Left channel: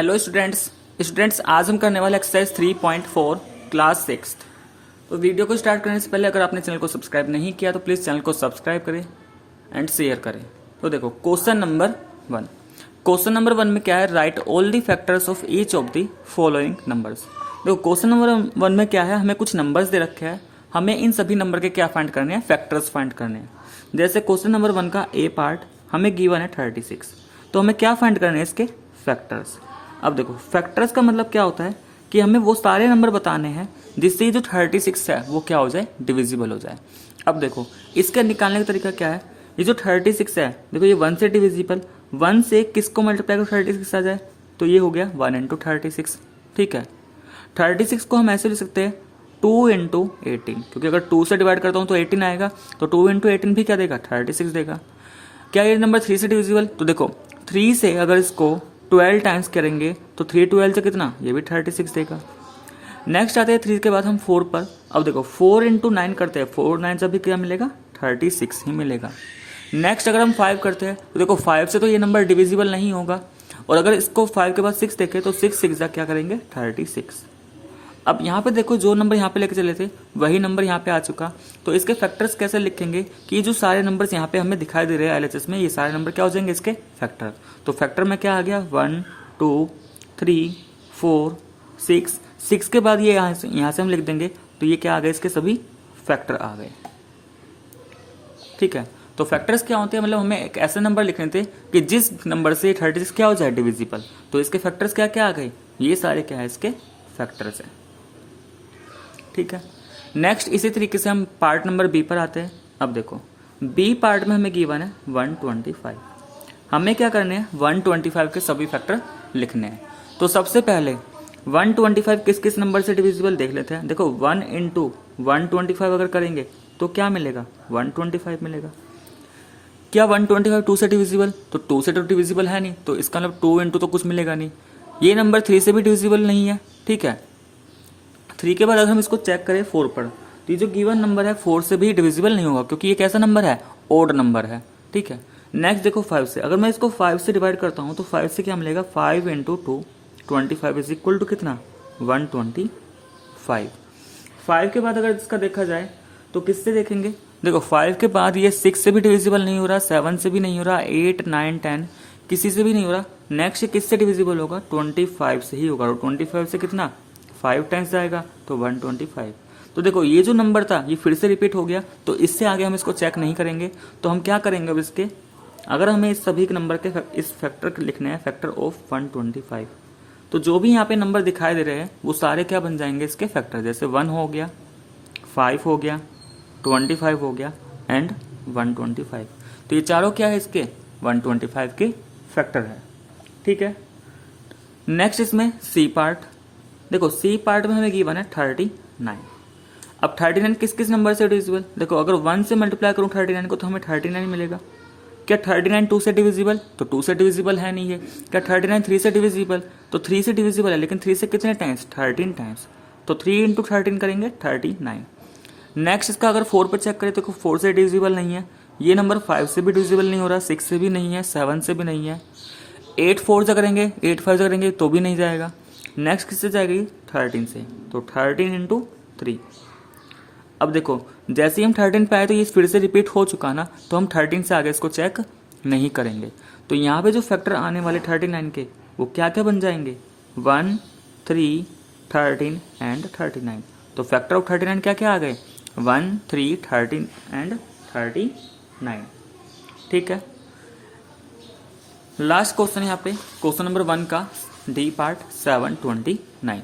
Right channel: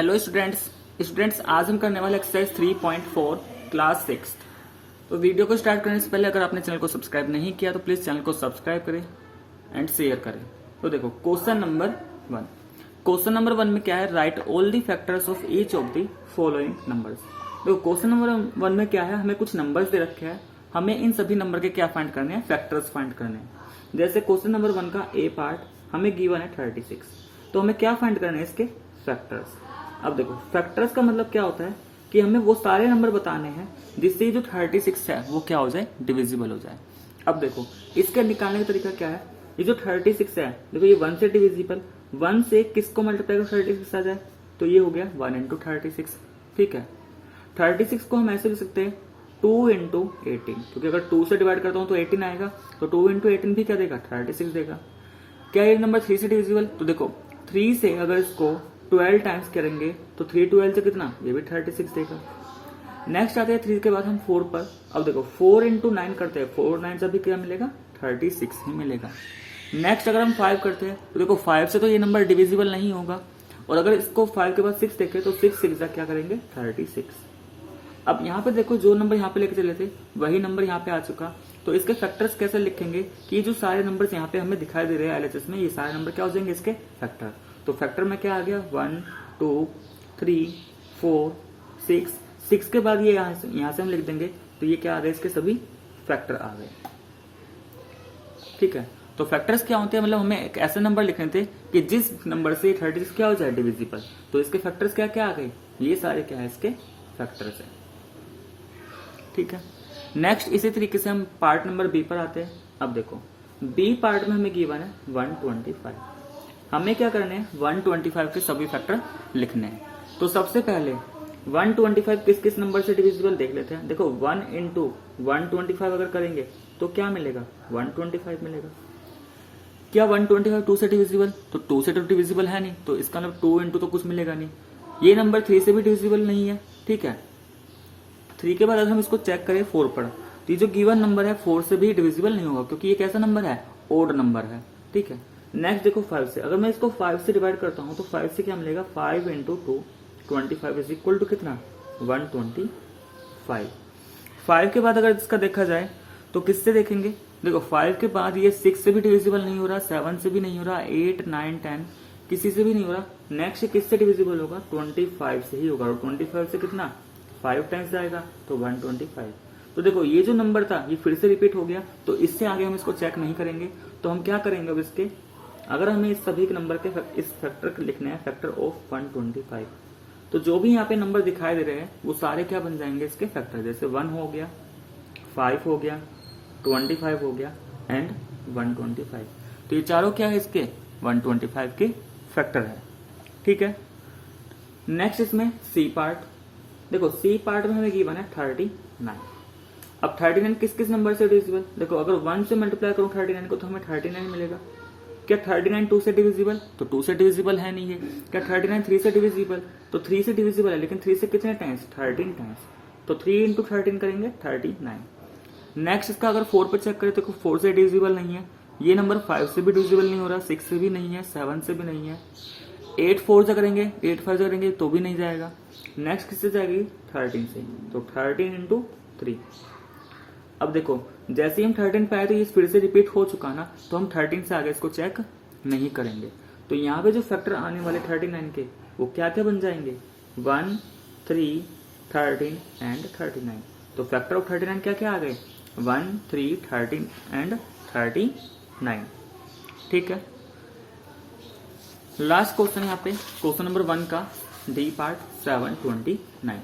Hello students आज हम करने वाले एक्सरसाइज 3.4 क्लास 6। तो वीडियो को स्टार्ट करने से पहले अगर आपने चैनल को सब्सक्राइब नहीं किया तो प्लीज़ चैनल को सब्सक्राइब करें एंड शेयर करें। तो देखो क्वेश्चन नंबर वन में क्या है, right all the factors of each of the following numbers. देखो क्वेश्चन नंबर वन में क्या है, हमें कुछ नंबर्स दे रखे हैं, हमें इन सभी नंबर के क्या फाइंड करने हैं, फैक्टर्स फाइंड करने हैं। जैसे क्वेश्चन नंबर वन का ए पार्ट हमें गिवन है 36, तो हमें क्या फाइंड करने हैं, इसके फैक्टर्स। अब देखो फैक्टर्स का मतलब क्या होता है कि हमें वो सारे नंबर बताने हैं जिससे जो 36 है वो क्या हो जाए, डिविजिबल हो जाए। अब देखो इसके निकालने का तरीका क्या है, ये जो 36 है देखो ये 1 से डिविजिबल, 1 से किसको मल्टीप्लाई करो 36 आ जाए, तो ये हो गया 1 इंटू 36। ठीक है, 36 को हम ऐसे लिख सकते हैं 2 इंटू 18, क्योंकि अगर 2 से डिवाइड करता हूँ तो 18 आएगा, तो 2 इंटू 18 भी क्या देगा, 36 देगा। क्या ये नंबर 3 से डिविजिबल, तो देखो 3 से अगर इसको 12 टाइम्स करेंगे तो 3 12 से कितना, ये भी 36 देगा। नेक्स्ट आते हैं 3 के बाद हम 4 पर। अब देखो 4 इंटू 9 करते हैं, 4 9 से भी क्या मिलेगा, 36 ही मिलेगा। नेक्स्ट अगर हम 5 करते हैं तो देखो 5 से तो ये नंबर डिविजिबल नहीं होगा, और अगर इसको 5 के बाद 6 देखें तो 6 6 क्या करेंगे, 36। अब यहाँ पे देखो जो नंबर यहाँ पे लेके चले थे वही नंबर यहाँ पे आ चुका, तो इसके फैक्टर्स कैसे लिखेंगे कि ये जो सारे नंबर्स यहाँ पे हमें दिखाई दे रहे हैं एलएचएस में, ये सारे नंबर क्या हो जाएंगे, इसके फैक्टर। तो फैक्टर में क्या आ गया, 1 2 3 4 6, 6 के बाद ये यहाँ से हम लिख देंगे, तो ये क्या आ गए, इसके सभी फैक्टर आ गए। ठीक है, तो फैक्टर्स क्या होते हैं, मतलब हमें एक ऐसे नंबर लिखने थे कि जिस नंबर से 36 क्या हो जाए, डिविजिबल। तो इसके फैक्टर्स क्या क्या आ गए, ये सारे क्या है, इसके फैक्टर्स है। ठीक है, नेक्स्ट इसी तरीके से हम पार्ट नंबर बी पर आते हैं। अब देखो बी पार्ट में हमें गिवन है 125, हमें क्या करने हैं, 125 के सभी फैक्टर लिखने हैं। तो सबसे पहले 125 किस किस नंबर से डिविजिबल देख लेते हैं। देखो 1 इंटू 125 अगर करेंगे तो क्या मिलेगा, 125 मिलेगा। क्या 125 2 से डिविजिबल, तो 2 से तो डिविजिबल है नहीं, तो इसका मतलब 2 इंटू तो कुछ मिलेगा नहीं। ये नंबर 3 से भी डिविजिबल नहीं है। ठीक है, 3 के बाद अगर हम इसको चेक करें 4 पर, तो ये जो गिवन नंबर है 4 से भी डिविजिबल नहीं होगा, क्योंकि ये कैसा नंबर है, ओड नंबर है। ठीक है, नेक्स्ट देखो 5 से, अगर मैं इसको 5 से डिवाइड करता हूँ तो 5 से क्या मिलेगा, 5 इंटू 2 25 इज इक्वल टू कितना, 125। 5 के बाद अगर इसका देखा जाए तो किससे देखेंगे, देखो 5 के बाद ये 6 से भी डिविजिबल नहीं हो रहा, 7 से भी नहीं हो रहा, 8 9 10 किसी से भी नहीं हो रहा। नेक्स्ट किससे डिविजिबल होगा, 25 से ही होगा, और 25 से कितना, 5 टाइम्स जाएगा, तो 125। तो देखो ये जो नंबर था ये फिर से रिपीट हो गया, तो इससे आगे हम इसको चेक नहीं करेंगे। तो हम क्या करेंगे, अब इसके अगर हमें इस सभी नंबर के इस फैक्टर लिखने हैं, फैक्टर ऑफ 125, तो जो भी यहाँ पे नंबर दिखाई दे रहे हैं वो सारे क्या बन जाएंगे, इसके फैक्टर। जैसे 1 हो गया, 5 हो गया, 25 हो गया एंड 125, तो ये चारों क्या है, इसके 125 के फैक्टर है। ठीक है, नेक्स्ट इसमें सी पार्ट। देखो सी पार्ट में हमें गिवन है 39। अब 39 किस किस नंबर से डिविजिबल, देखो अगर 1 से मल्टीप्लाई करूं 39 को तो हमें 39 मिलेगा। क्या 39 2 से डिविजिबल, तो 2 से डिविजिबल है नहीं है। क्या 39 3 से डिविजिबल, तो 3 से डिविजिबल है, लेकिन 3 से कितने टाइम्स, 13 टाइम्स, तो 3 इंटू 13 करेंगे 39। नेक्स्ट इसका अगर 4 पर चेक करें तो 4 से डिविजिबल नहीं है, ये नंबर 5 से भी डिविजिबल नहीं हो रहा, 6 से भी नहीं है, 7 से भी नहीं है। 8 4 से करेंगे, 8 5 से करेंगे तो भी नहीं जाएगा। नेक्स्ट किससे जाएगी, 13 से, तो 13 इंटू 3। अब देखो जैसे ही हम 13 पे आए तो ये फिर से रिपीट हो चुका ना, तो हम 13 से आगे इसको चेक नहीं करेंगे। तो यहाँ पे जो फैक्टर आने वाले 39 के वो क्या क्या बन जाएंगे, 1 3 13 एंड 39। तो फैक्टर ऑफ 39 क्या क्या आ गए, 1 3 13 एंड 39। ठीक है, लास्ट क्वेश्चन यहाँ पे क्वेश्चन नंबर 1 का डी पार्ट 729।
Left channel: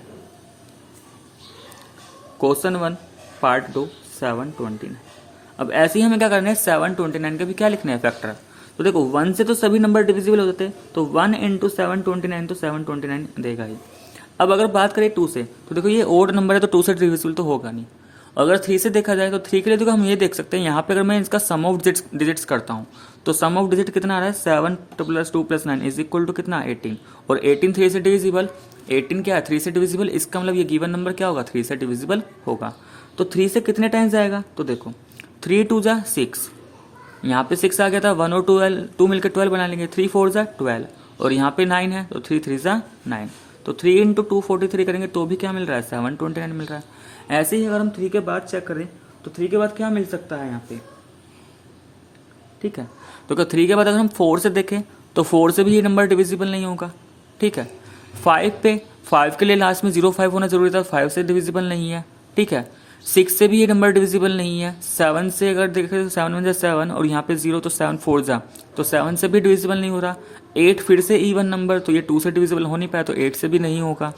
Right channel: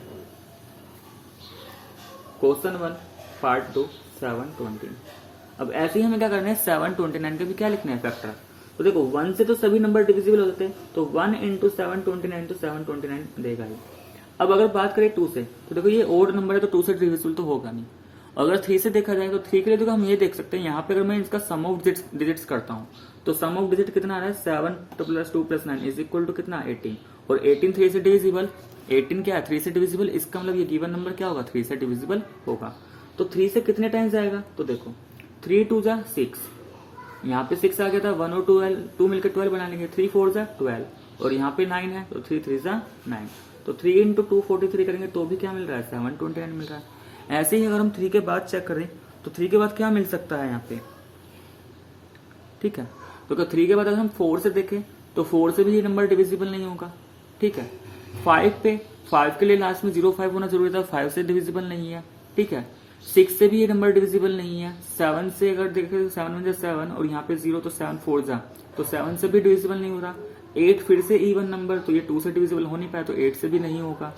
Question 1 part 2 729। अब ऐसे ही हमें क्या करना है, 729 के भी क्या लिखने हैं, फैक्टर। तो देखो 1 से तो सभी नंबर डिविजिबल हो जाते हैं, तो 1 इंटू 729 तो 729 देगा ही। अब अगर बात करें 2 से, तो देखो ये ओड नंबर है तो 2 से डिविजिबल तो होगा नहीं। अगर 3 से देखा जाए तो 3 के लिए देखो हम ये देख सकते हैं, यहाँ पे अगर मैं इसका सम ऑफ डिजिट्स करता हूँ तो सम ऑफ डिजिट कितना आ रहा है, 7 + 2 + 9 इज इक्वल टू कितना, 18। और 18 3 से डिविजिबल, 18 क्या है, 3 से डिविजिबल, इसका मतलब ये गिवन नंबर क्या होगा, 3 से डिविजिबल होगा। तो 3 से कितने टाइम्स जाएगा, तो देखो 3 2 6, यहाँ पे 6 आ गया था, 1 और 2 मिलकर 12 बना लेंगे, 3 4 12, और यहाँ पे 9 है, तो 3 3 ज़ा 9, तो 3 इंटू 243 करेंगे तो भी क्या मिल रहा है, 729 मिल रहा है। ऐसे ही अगर हम 3 के बाद चेक करें तो 3 के बाद क्या मिल सकता है यहाँ पे, ठीक है। तो 3 के बाद अगर हम 4 से देखें तो 4 से भी ये नंबर डिविजिबल नहीं होगा, ठीक है। 5 पे 5 के लिए लास्ट में 05 होना जरूरी था, 5 से डिविजिबल नहीं है, ठीक है। 6 से भी ये नंबर डिविजिबल नहीं है। 7 से अगर देखें तो 7 1 7 और यहाँ पे 0 तो 7 4 जा, तो 7 से भी डिविजिबल नहीं हो रहा। 8 फिर से इवन नंबर, तो ये 2 से डिविजिबल हो नहीं पाया, तो 8 से भी नहीं होगा।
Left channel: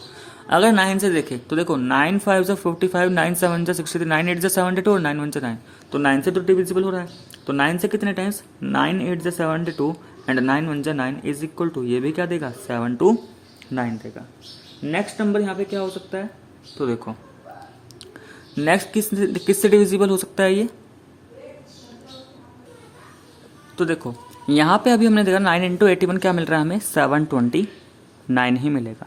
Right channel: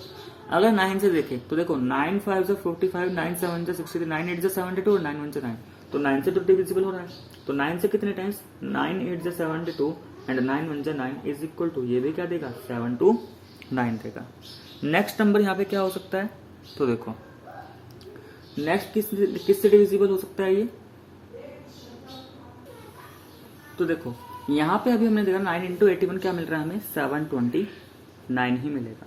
अगर 9 से देखें तो देखो 9 5 जा 45, 9 7 जा 63, 9 8 जा 72 और 9 1 जा 9, तो 9 से तो डिविजिबल हो रहा है। तो 9 से कितने टाइम्स, 9 8 जा 72 एंड 9 1 जा 9 इज इक्वल टू, ये भी क्या देगा, 7 2 9 देगा। नेक्स्ट नंबर यहाँ पे क्या हो सकता है, तो देखो नेक्स्ट किससे डिविजिबल हो सकता है ये, तो देखो यहाँ पे अभी हमने देखा 9 इंटू 81 क्या मिल रहा है हमें, 729 ही मिलेगा।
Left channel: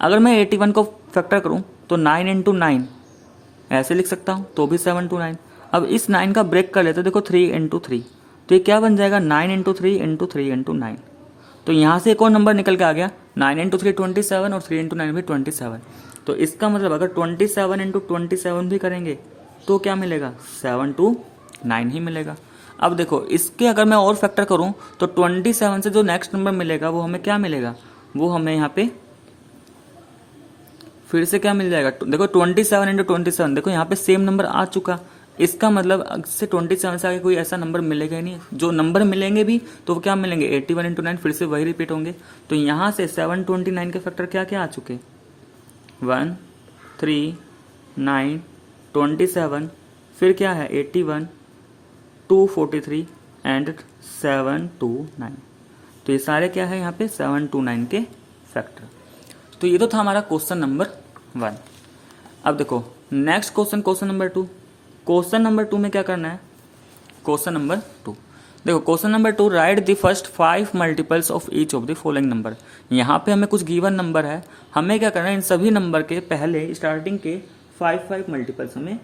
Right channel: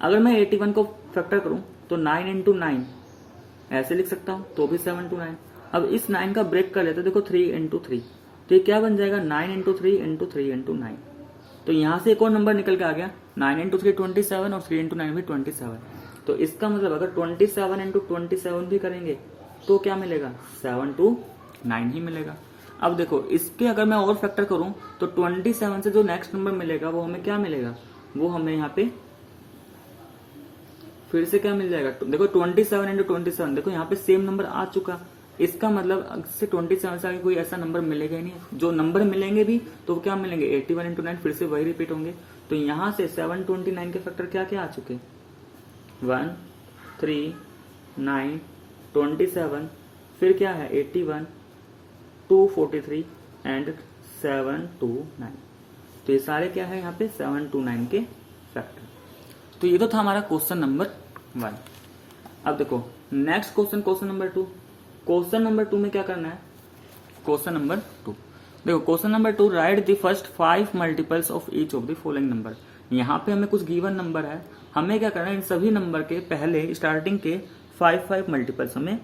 अगर मैं 81 को फैक्टर करूँ तो 9 इंटू 9 ऐसे लिख सकता हूँ, तो भी 729। अब इस 9 का ब्रेक कर लेते हैं, देखो 3 इंटू 3, तो ये क्या बन जाएगा, 9 इंटू 3 इंटू 3 इंटू 9। तो यहाँ से एक और नंबर निकल के आ गया, 9 इंटू 3 27 और 3 इंटू 9 भी 27। तो इसका मतलब अगर 27 इंटू 27 भी करेंगे तो क्या मिलेगा, 729 ही मिलेगा। अब देखो इसके अगर मैं और फैक्टर करूं तो 27 से जो नेक्स्ट नंबर मिलेगा वो हमें क्या मिलेगा, वो हमें यहाँ पे फिर से क्या मिल जाएगा, देखो 27 इंटू 27, देखो यहाँ पे सेम नंबर आ चुका। इसका मतलब से 27 से आगे कोई ऐसा नंबर मिलेगा ही नहीं। जो नंबर मिलेंगे भी तो वो क्या मिलेंगे, 81 इंटू 9 फिर से वही रिपीट होंगे। तो यहाँ से 729 के फैक्टर क्या क्या आ चुके, 1 3 9 27, फिर क्या है 81 243 एंड 729। तो ये सारे क्या है यहाँ पे 729 के फैक्टर। तो ये तो था हमारा क्वेश्चन नंबर 1। अब देखो next question, question number 2। Question number 2 में क्या करना है, क्वेश्चन नंबर 2 देखो, question number 2, right the first 5 multiples of each of the following number. यहाँ पे हमें कुछ गिवन नंबर है, हमें क्या करना है, इन सभी नंबर के पहले स्टार्टिंग के 5 मल्टीपल्स हमें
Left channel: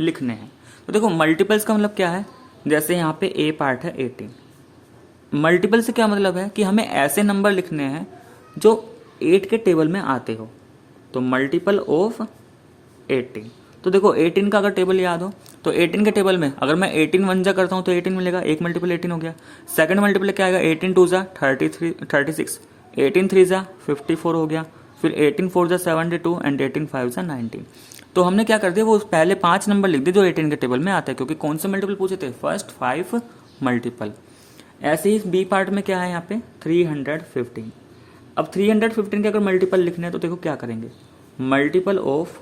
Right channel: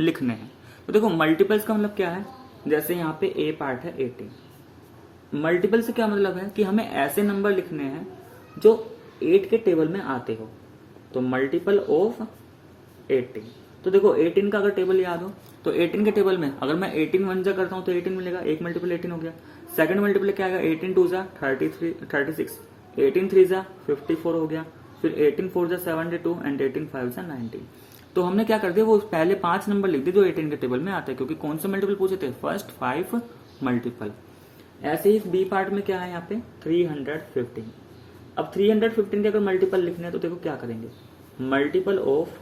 लिखने हैं। तो देखो मल्टीपल्स का मतलब क्या है, जैसे यहाँ पे ए पार्ट है 18। मल्टीपल से क्या मतलब है कि हमें ऐसे नंबर लिखने हैं जो 8 के टेबल में आते हो। तो मल्टीपल ऑफ 18, तो देखो 18 का अगर टेबल याद हो तो 18 के टेबल में अगर मैं 18 1 जा करता हूँ तो 18 मिलेगा, एक मल्टीपल 18 हो गया। सेकंड मल्टीपल क्या आएगा, 18 2 जा 36, 18 3 जा 54 हो गया, फिर 18 4 जा 72 एंड 18 5 जा 19। तो हमने क्या कर दिया, वो पहले 5 नंबर लिख दिए जो 18 के टेबल में आता है, क्योंकि कौन से मल्टीपल पूछे थे, फर्स्ट 5 मल्टीपल। ऐसे ही बी पार्ट में क्या है यहाँ पे 315। अब 315 के अगर मल्टीपल लिखने हैं तो देखो क्या करेंगे, मल्टीपल ऑफ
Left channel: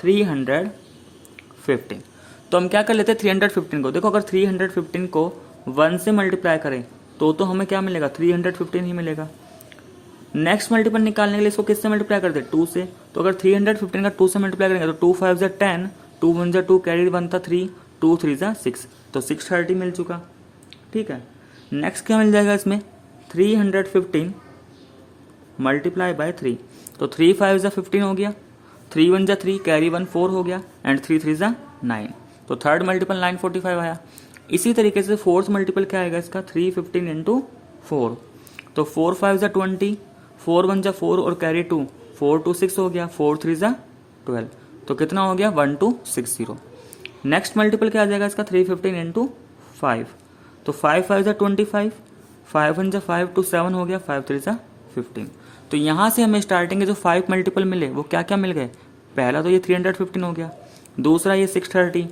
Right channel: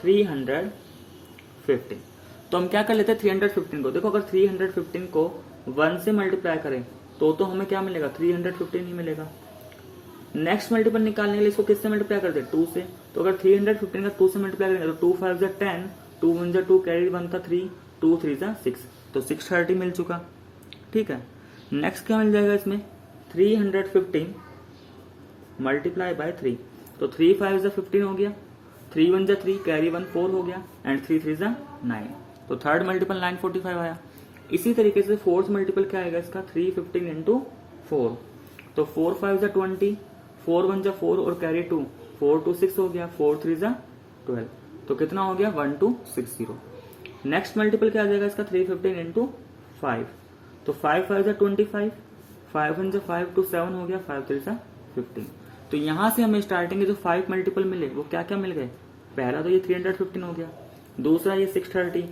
315। तो हम क्या कर लेते हैं 315 को, देखो अगर 315 को 1 से मल्टीप्लाई करें तो हमें क्या मिलेगा, 315 ही मिलेगा। नेक्स्ट मल्टीपल निकालने के लिए इसको किससे मल्टीप्लाई करते हैं, 2 से। तो अगर 315 का 2 से मल्टीप्लाई करेंगे तो 2 5 जा 10, 2 1 जा 2, कैरी 1 था 3, 2 3 जा 6, तो 630 मिल चुका, ठीक है। नेक्स्ट क्या मिल जाएगा इसमें, 315 मल्टीप्लाई बाय 3, तो 3 5 जा 15 हो गया, 3 1 जा 3, कैरी 1 4 हो गया एंड 3 3 जा 9, तो थर्ड मल्टीपल 945 आया। इसी तरीके से फोर्थ मल्टीपल क्या आएगा इसका, 315 इंटू 4, तो 4 5 जा 20, 4 1 जा 4 और कैरी 2, 4 2 6 हो गया, 4 3 जा 12, तो कितना हो गया 1260। नेक्स्ट मल्टीपल क्या आ जाएगा इसका, 315 इंटू 5, तो 5 5 जा 25, 5 1 जा 5 2 7 हो गया, 5 3 जा 15। तो यहाँ से हमें स्टार्टिंग के जो 5 मल्टीपल मिले वो क्या क्या मिल गए, पहला तो ये 315 हो गया, दूसरा ये 630,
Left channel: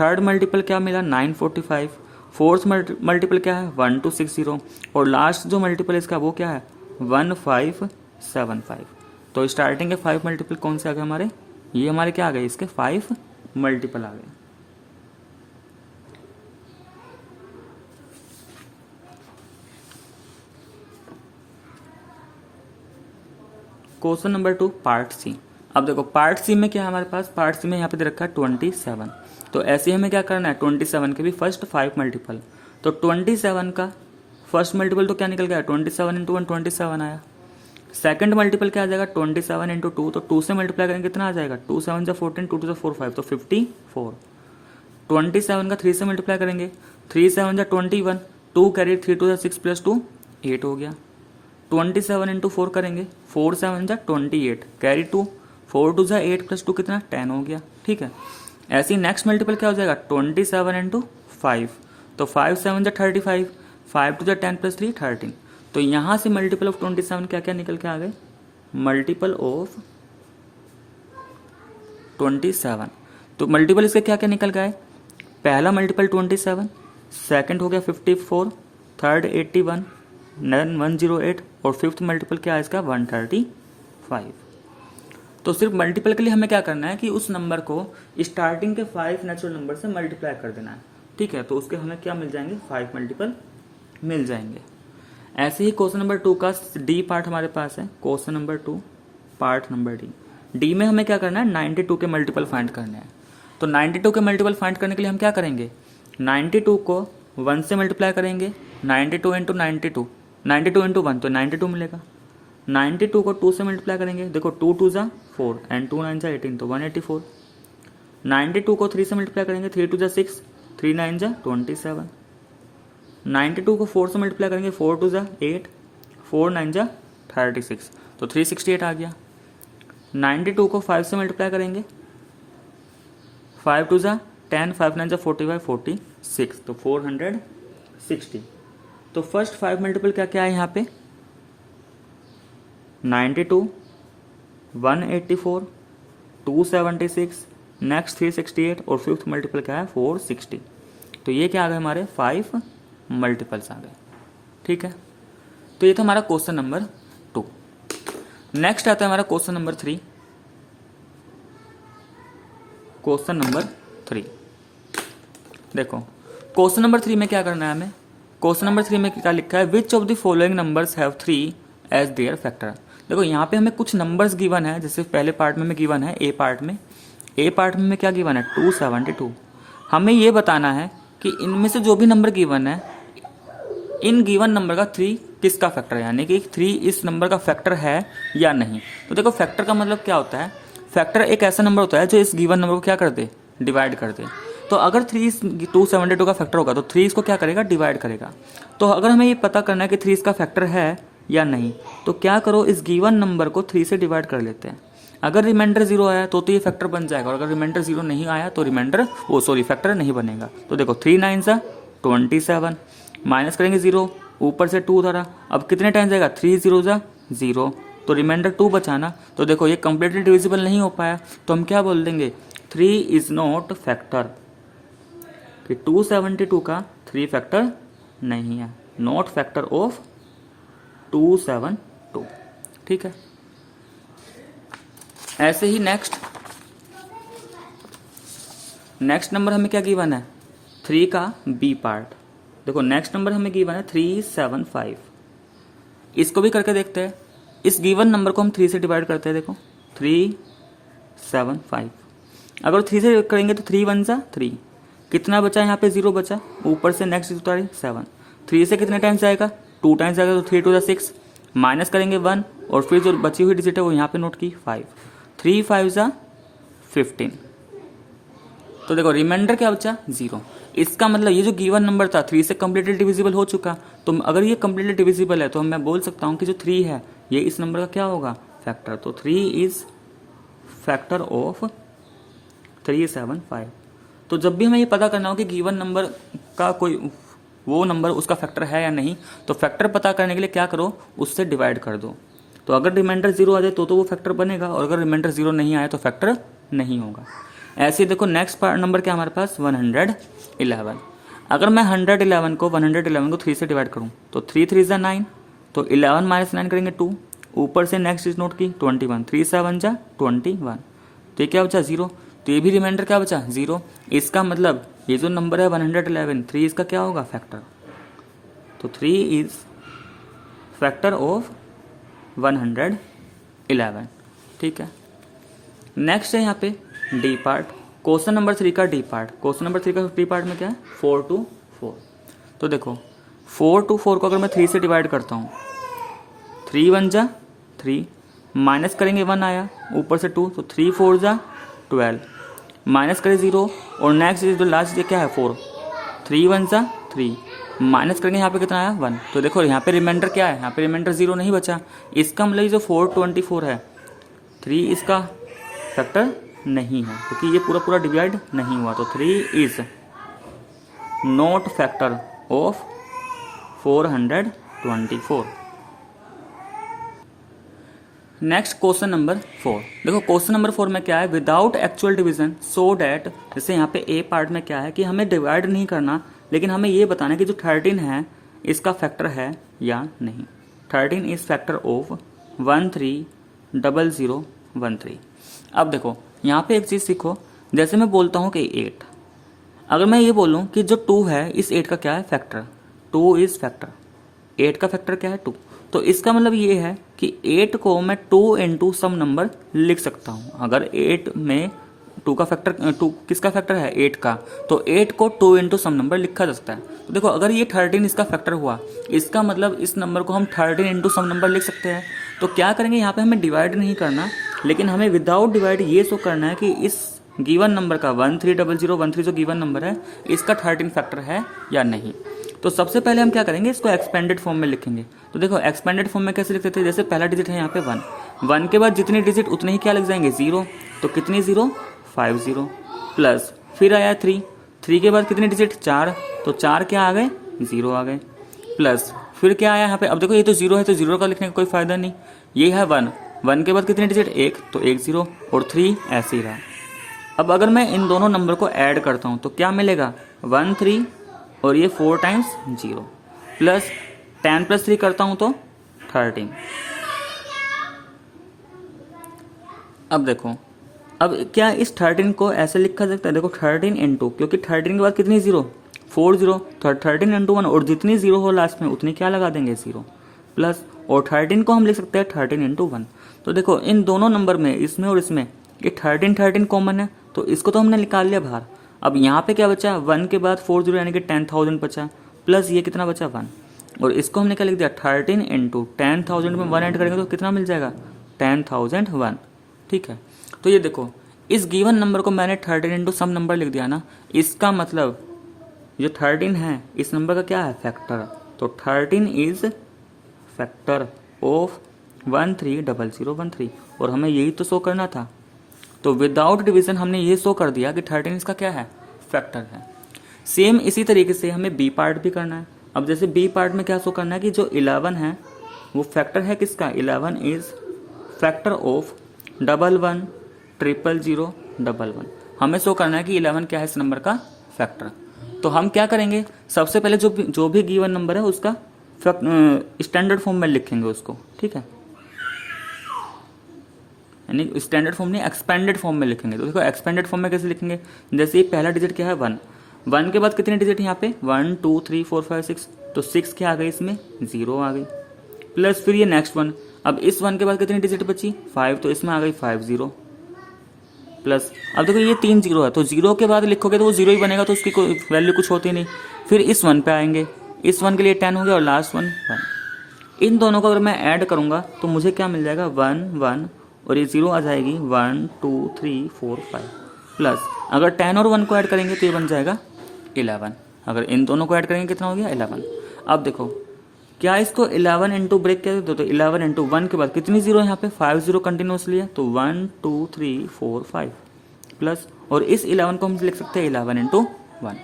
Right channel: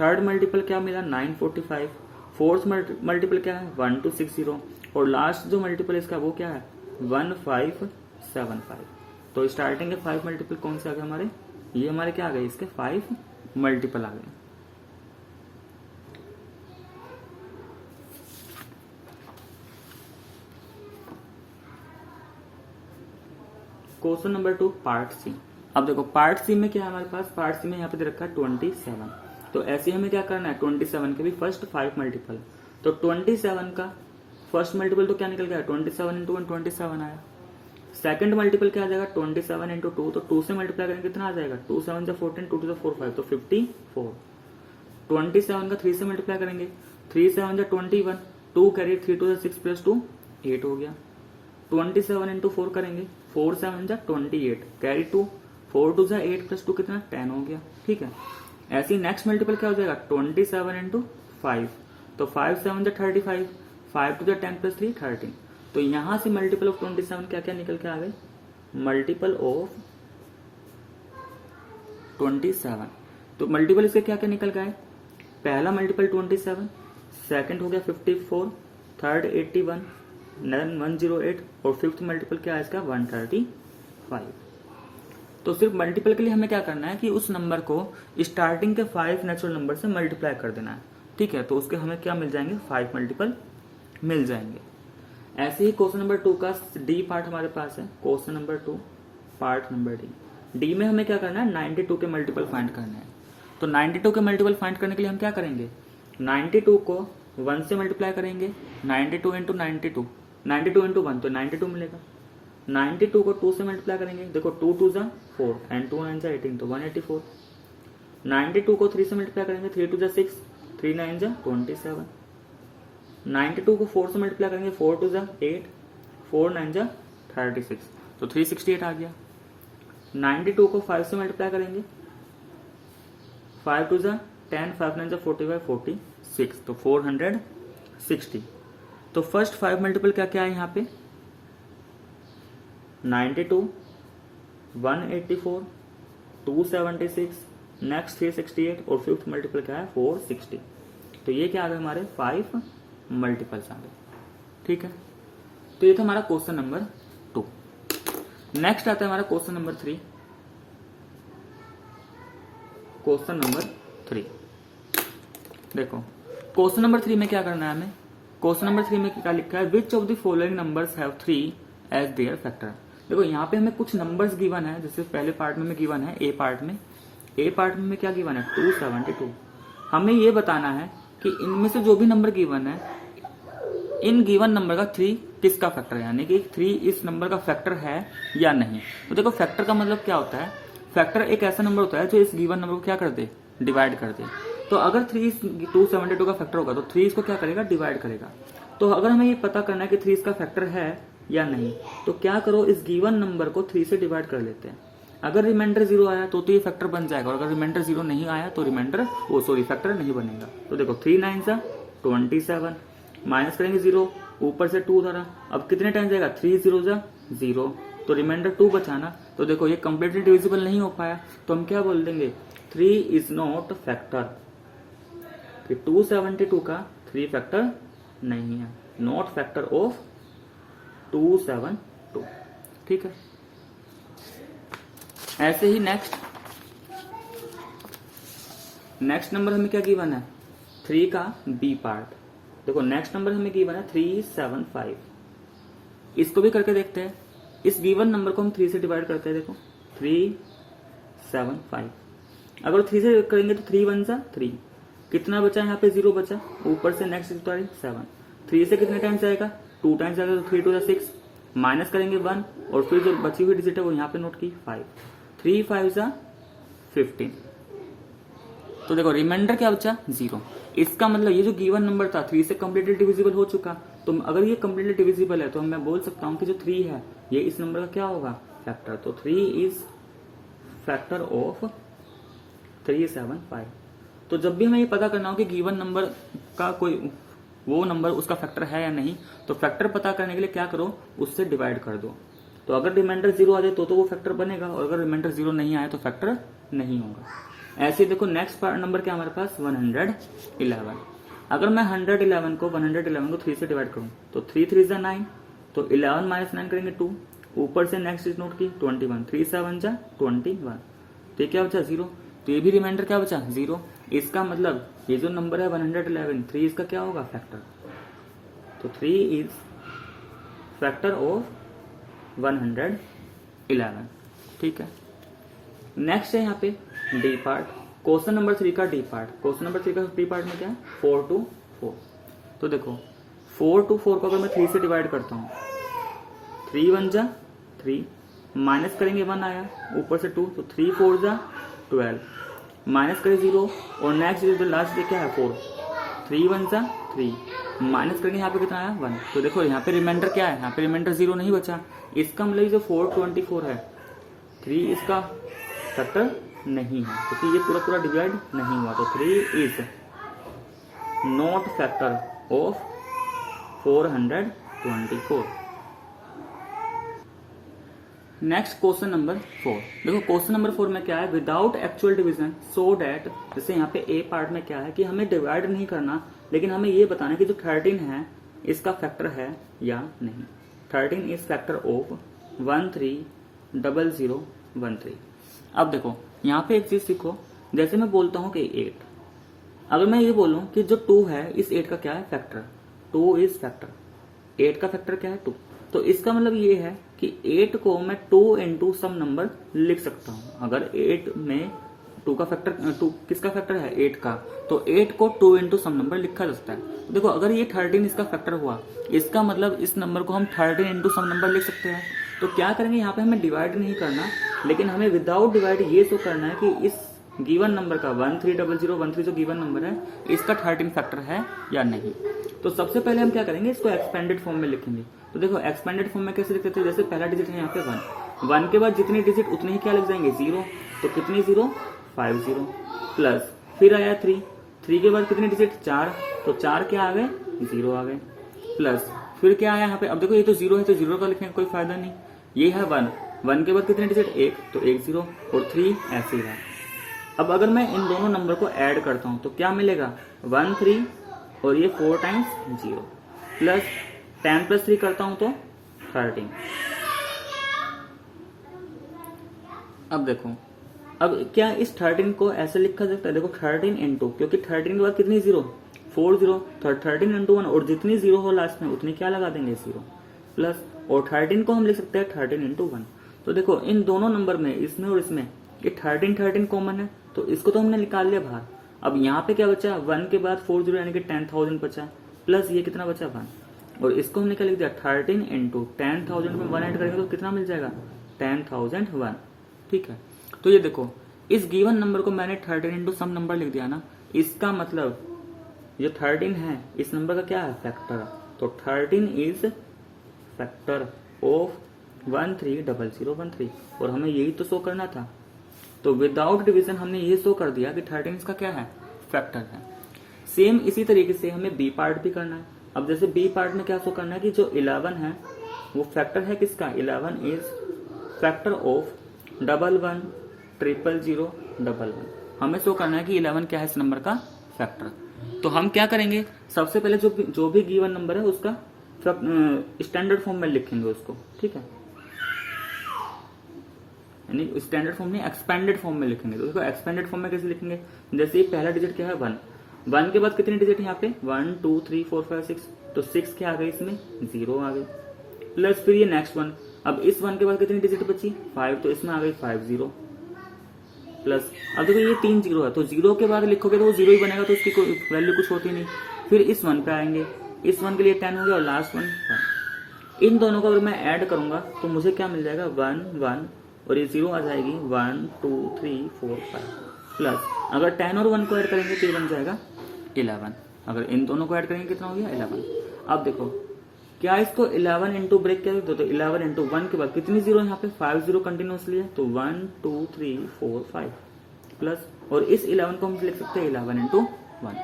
थर्ड मल्टीपल क्या मिला 945, फोर्थ मल्टीपल क्या है 1260 और लास्ट जो मल्टीपल इसका वो क्या है 1575। तो स्टार्टिंग के 5 मल्टीपल कौन से आ गए हमारे, ये हमारे क्या आ गए, इसके 5 मल्टीपल आ गए। Question number 2 part C. अब देखो पार्ट सी में क्या है हमारे पास, पार्ट सी में यहाँ पे दे रखा है 27। तो ऐसे हमें क्या करना है, 27 के भी फर्स्ट 5 मल्टीपल। तो 27 का फर्स्ट मल्टीपल तो क्या निकल गया, 27 इंटू 1 27 आया। सेकंड मल्टीपल क्या आ जाएगा 27 इंटू 2, तो 2 से मल्टीप्लाई करेंगे कितना आ जाएगा, 2 7 जा 14, 2 2 जा 4 5, तो 54। 27 का 3 से मल्टीप्लाई करेंगे, 3 7 जा 21, 2 कैरी 3 टू 6 प्लस 2 8 हो गया। 27 इंटू 4 करेंगे, 4 7 जा 28 कैरी 2, 4 2 जा 8 प्लस 2 कितना 10 हो गया। ठीक है, ऐसे ही नेक्स्ट मल्टीपल क्या हो जाएगा 27 इंटू 5, तो 5 7 जा 35, 5 2 जा 10 प्लस 3 13। तो यहाँ से मल्टीपल ऑफ 27 क्या क्या निकल के आ गए, मल्टीपल ऑफ 27। तो मल्टीपल इसके क्या क्या निकल गए, पहला मल्टीपल 27, सेकंड हो गया 54, थर्ड 81, 108 और फिफ्थ मल्टीपल क्या है इसका 135। तो सिर्फ मल्टीपल के लिए हमें क्या करना है कि उस नंबर को स्टार्टिंग के 5 नेचुरल नंबर से मल्टीप्लाई कर देना है। ठीक है, तो उसके हमें क्या मिल जाएंगे 5 मल्टीपल मिल जाएंगे। ऐसे ही क्वेश्चन नंबर 2 का डी पार्ट हमारे पास है। Question number 2 part number D में हमें क्या करना है 92 के मल्टीपल फाइंड करना है। तो 92 के मल्टीपल फाइंड करने के लिए हम क्या करेंगे, 92 को 1 से मल्टीप्लाई करेंगे, 92 इंटू 92, 92 इंटू 1 तो 92 मिलेगा। 92 को 2 से मल्टीप्लाई करेंगे, देखो 2 2 जा 4 एंड 2 9 जा 18 तो 184। 92 को 3 से मल्टीप्लाई करेंगे, 3 2 जा 6, 3 9 जा 27। 92 को 4 से मल्टीप्लाई करेंगे, 4 2 जा 8, 4 9 जा 36 तो 368 आ गया। 92 को 5 से मल्टीप्लाई करेंगे, 5 2 जा 10, 5 9 जा 45, 46 तो 460। तो फर्स्ट 5 मल्टीपल क्या क्या है यहाँ पे 92, 184, 276, नेक्स्ट 368 और फिफ्थ मल्टीपल क्या है 460। तो ये क्या आ गए हमारे 5 मल्टीपल्स आ गए। ठीक है, तो ये था हमारा क्वेश्चन नंबर 2। नेक्स्ट आता है हमारा क्वेश्चन नंबर 3। क्वेश्चन नंबर 3 देखो, क्वेश्चन नंबर 3 में क्या करना है हमें, क्वेश्चन नंबर 3 में क्या लिखा है, which of the following numbers have 3 as their factor. देखो यहाँ पे हमें कुछ नंबर्स गिवन है, जैसे पहले पार्ट में गिवन है ए पार्ट में क्या गिवन है 272। हमें ये बताना है कि इनमें से जो भी नंबर गिवन है इन गिवन नंबर का 3 किसका फैक्टर है, यानी कि 3 इस नंबर का फैक्टर है या नहीं। तो देखो फैक्टर का मतलब क्या होता है, फैक्टर एक ऐसा नंबर होता है जो इस गिवन नंबर को क्या कर दे, डिवाइड कर दे। तो अगर 3 272 का फैक्टर होगा तो 3 इसको क्या करेगा, डिवाइड करेगा। तो अगर हमें ये पता करना है कि 3 इसका फैक्टर है या नहीं, तो क्या करो इस गिवन नंबर को 3 से डिवाइड कर लेते हैं। अगर रिमाइंडर 0 आया तो ये फैक्टर बन जाएगा, और अगर रिमाइंडर 0 नहीं आया तो फैक्टर नहीं बनेगा। तो देखो 3 9 सा 27, माइनस करेंगे 0, ऊपर से 2 धरा, अब कितने टाइम जाएगा 3 0 जा 0, तो रिमाइंडर 2 बचाना। तो देखो ये कंप्लीटली डिविजिबल नहीं हो पाया, तो हम क्या बोल देंगे 3 इज नॉट फैक्टर, 272 का 3 फैक्टर नहीं है, नॉट फैक्टर ऑफ 272। ठीक है, ऐसे ही नेक्स्ट नंबर हमें क्या गिवन है 3 का बी पार्ट। देखो नेक्स्ट नंबर हमें गिवन है 375। इसको भी करके देखते हैं। इस गिवन नंबर को हम 3 से डिवाइड करते हैं। देखो 375, अगर 3 से करेंगे तो 3 1 जा 3, कितना बचा यहाँ पे 0 बचा, ऊपर से नेक्स्ट उतारे 7, 3 से कितने टाइम्स आएगा 2 टाइम्स आएगा, तो 3 2 जा 6, माइनस करेंगे 1 और फिर जो बची हुई डिजिट है वो यहाँ पे नोट की 5, 3 5 जा 15। तो देखो रिमाइंडर क्या बचा 0। इसका मतलब ये जो गिवन नंबर था 3 से कम्प्लीटली डिविजिबल हो चुका। तो अगर ये कम्प्लीटली डिविजिबल है तो मैं बोल सकता हूँ कि जो 3 है ये इस नंबर का क्या होगा फैक्टर। तो 3 इज फैक्टर ऑफ 375। तो जब भी हमें ये पता करना हो कि गिवन नंबर का कोई वो नंबर उसका फैक्टर है या नहीं, तो फैक्टर पता करने के लिए क्या करो उससे डिवाइड कर दो। तो अगर रिमाइंडर 0 आ जाए तो वो फैक्टर बनेगा, और अगर रिमाइंडर 0 नहीं आए तो फैक्टर नहीं होगा। ऐसे ही देखो नेक्स्ट पार्ट नंबर क्या हमारे पास 111। अगर मैं 111 को 3 से डिवाइड करूं तो 3 3 जा 9, तो 11 माइनस 9 करेंगे 2, ऊपर से नेक्स्ट चीज नोट की 21, 3 7 जा 21, तो ये क्या बचा 0। तो ये भी रिमाइंडर क्या बचा 0। इसका मतलब ये जो नंबर है 111, 3 इसका क्या होगा फैक्टर। तो 3 इज फैक्टर ऑफ 111। ठीक है, नेक्स्ट है यहाँ पे डी पार्ट, क्वेश्चन नंबर 3 का डी पार्ट। क्वेश्चन नंबर 3 का डी पार्ट में क्या है 4 to 4। तो देखो 4 to 4 को अगर मैं 3 से डिवाइड करता हूँ, 3 1 जा 3, माइनस करेंगे 1 आया, ऊपर से 2, तो 3 4 जा 12, माइनस करें 0 और नेक्स्ट जो लास्ट क्या है 4, 3 1 जा 3, माइनस करेंगे, यहाँ पे कितना आया 1। तो देखो यहाँ पे रिमाइंडर क्या है, यहाँ पे रिमाइंडर 0 नहीं बचा। इसका मतलब ये जो 424 है 3 इसका फैक्टर नहीं है, क्योंकि ये पूरा पूरा डिवाइड नहीं हुआ। तो 3 is not factor of 424। Next question number 4। देखो क्वेश्चन नंबर 4 में क्या है, without actual division so that, जैसे यहाँ पे ए पार्ट में क्या है कि हमें डिवाइड नहीं करना, लेकिन हमें ये बताना है कि जो 13 है इसका फैक्टर है या नहीं। 13 इज फैक्टर ऑफ 130013। अब देखो यहाँ पे एक चीज सीखो, जैसे मैं बोलता हूँ कि 8, अगर मैं ये बोलूँ कि जो 2 है इस 8 का क्या है फैक्टर, 2 इज फैक्टर, 8 का फैक्टर क्या है 2। तो इसका मतलब ये है कि 8 को मैं 2 इंटू सम नंबर लिख सकता हूँ। अगर 8 में 2 का फैक्टर, 2 किसका फैक्टर है 8 का, तो 8 को 2 इंटू सम नंबर लिखा जा सकता है। तो देखो अगर ये 13 इसका फैक्टर हुआ, इसका मतलब इस नंबर को हम 13 इंटू सम नंबर लिख सकते हैं। तो क्या करेंगे, यहाँ पे हमें डिवाइड नहीं करना, लेकिन हमें विदाउट डिवाइड ये शो करना है कि इस गिवन नंबर का 130013 जो गिवन नंबर है इसका 13 फैक्टर है या नहीं। तो सबसे पहले हम क्या करेंगे, इसको एक्सपेंडेड फॉर्म में लिखेंगे। तो देखो एक्सपेंडेड फॉर्म में कैसे लिखते थे, जैसे पहला डिजिट है यहाँ पे 1 के बाद जितने डिजिट उतने ही क्या लग जाएंगे 0। तो कितनी 0, 50 प्लस फिर आया 3 के बाद कितने डिजिट 4, तो 4 क्या आ गए 0 आ गए, प्लस फिर क्या आया यहाँ पे। अब देखो ये तो 0 है तो 0 का लिखने का कोई फायदा नहीं। ये है 1 के बाद कितने डिजिट 1, तो 1 0 और 3 ऐसे ही रहा। अब अगर मैं इन दोनों नंबर को ऐड करता हूँ तो क्या मिलेगा 1 3 और ये 4 टाइम्स 0 प्लस 10 प्लस 3 करता हूँ तो 13। अब देखो, अब क्या इस 13 को ऐसे लिखा सकता है, देखो 13 इंटू, क्योंकि 13 के बाद कितनी 0 4 0, तो 13 इंटू 1 और जितनी 0 हो लास्ट में उतनी क्या लगा देंगे 0 प्लस, और 13 को हम लिख सकते हैं 13 इंटू 1। तो देखो इन दोनों नंबर में, इसमें और इसमें, ये 13 कॉमन है तो इसको तो हमने निकाल लिया बाहर। अब यहाँ पे क्या बचा 1 के बाद 40 यानी कि 10,000 बचा, प्लस ये कितना बचा 1, और इसको हमने क्या लिख दिया 13 इंटू 10,000 में 1 ऐड करेंगे तो कितना मिल जाएगा 10,001। ठीक है, तो ये देखो इस गिवन नंबर को मैंने 13 इंटू सम नंबर लिख दिया ना, इसका मतलब जो 13 है इस नंबर का क्या है फैक्टर। तो 13 इज फैक्टर ऑफ 130013, और हमें यही तो शो करना था। तो विदाउट डिवीजन हमने ये शो कर दिया कि 13 इसका क्या है फैक्टर है। सेम इसी तरीके से हमें बी पार्ट भी करना है। अब जैसे बी पार्ट में क्या शो करना है कि जो 11 है वो फैक्टर है किसका, 11 इज फैक्टर ऑफ 11000011। हमें शो करना है कि 11 क्या है इस नंबर का फैक्टर। तो हम क्या करेंगे, सबसे पहले जो भी गिवन नंबर है उसका स्टैंडर्ड फॉर्म में लिखेंगे उसको। ठीक है, यानी स्टैंडर्ड फॉर्म नहीं एक्सपेंडेड फॉर्म में लिखेंगे। तो देखो एक्सपेंडेड फॉर्म में कैसे लिखेंगे, जैसे ये पहला डिजिट क्या है 1 के बाद कितने डिजिट यहाँ पे 1 2 3 4 5 6, तो 6 क्या आ गई इसमें 0 आ गई, प्लस फिर ये नेक्स्ट 1। अब इस 1 के बाद कितनी डिजिट बची 5, तो इसमें आ गई 5 0 प्लस। अब देखो ये 3 0 है तो 0 के बाद लिखोगे तो वो 0 ही बनेगा, तो उसकी कोई वैल्यू कुछ होती नहीं। फिर इस 1 पे आएंगे, इस 1 के लिए 10 हो गया और लास्ट 1 1। इन दोनों को अगर मैं ऐड करूंगा तो मुझे क्या मिल जाएगा 1 1 और ये 0 आ जाएगी 1 2 3 4 5 प्लस अगर 10 और 1 को ऐड करेंगे तो ये बन जाएगा 11। अगर इन दोनों को ऐड करेंगे कितना हो गया 11। अब देखो क्या इसको 11 इंटू ब्रेक कर दो, तो 11 इंटू 1 के बाद कितनी 0 यहाँ पे 5 0 कंटिन्यूसली है, तो 1 2 3 4 5 प्लस, और इस 11 को हम लिख सकते हैं 11 इंटू 1।